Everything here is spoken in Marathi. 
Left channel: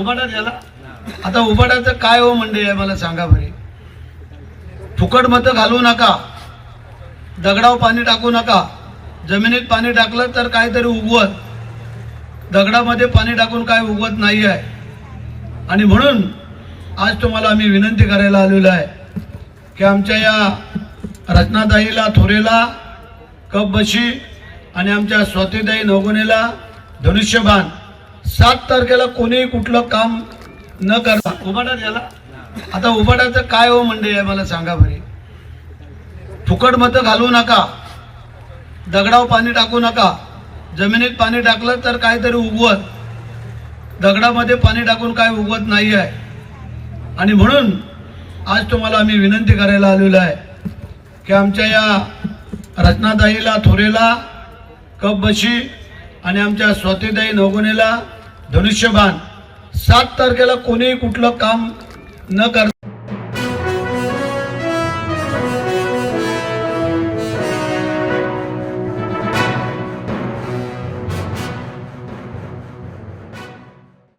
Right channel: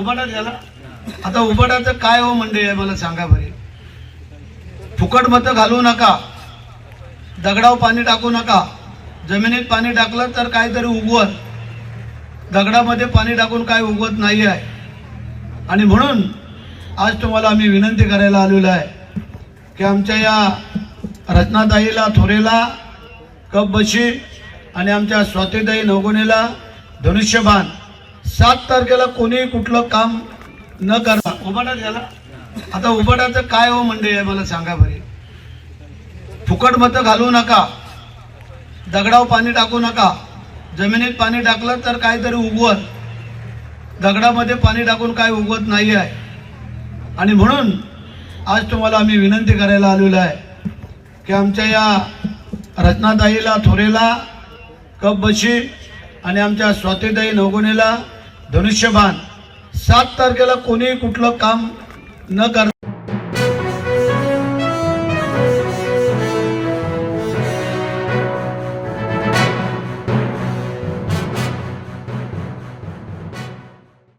उबाडा झाला. आता उबाडाचं काय हो मंडळी आहे मला सांगा बरे. फुकट मतं घालवू नका, दगडावर पाणी टाकू नका. जमिनीत पाणी टाकलं तर काहीतरी उगवत, दगडामध्ये पाणी टाकून काय उगवत नाही आहे. आणि म्हणून आज तुम्हाला आम्ही विनंती करायला आलेलो आहे की आमच्या या रत्नाताईला थोरेला कप बशी आणि आमच्या स्वातीताई नवगुणेला धनुष्यबाण 7 तारखेला कोणी कुठलं काम न करता उबाडा झाला. आता उबाडाचं काय हो मंडळी आहे मला सांगा बरे. फुकट मतं घालवू नका, दगडावर पाणी टाकू नका. जमिनीत पाणी टाकलं तर काहीतरी उगवत, दगडामध्ये पाणी टाकून काय उगवत नाही आहे. आणि म्हणून आज तुम्हाला आम्ही विनंती करायला आलेलो आहे की आमच्या या रत्नाताईला थोरेला कप बशी आणि आमच्या स्वातीताई नवगुणेला धनुष्यबाण 7 तारखेला कोणी कुठलं काम न करता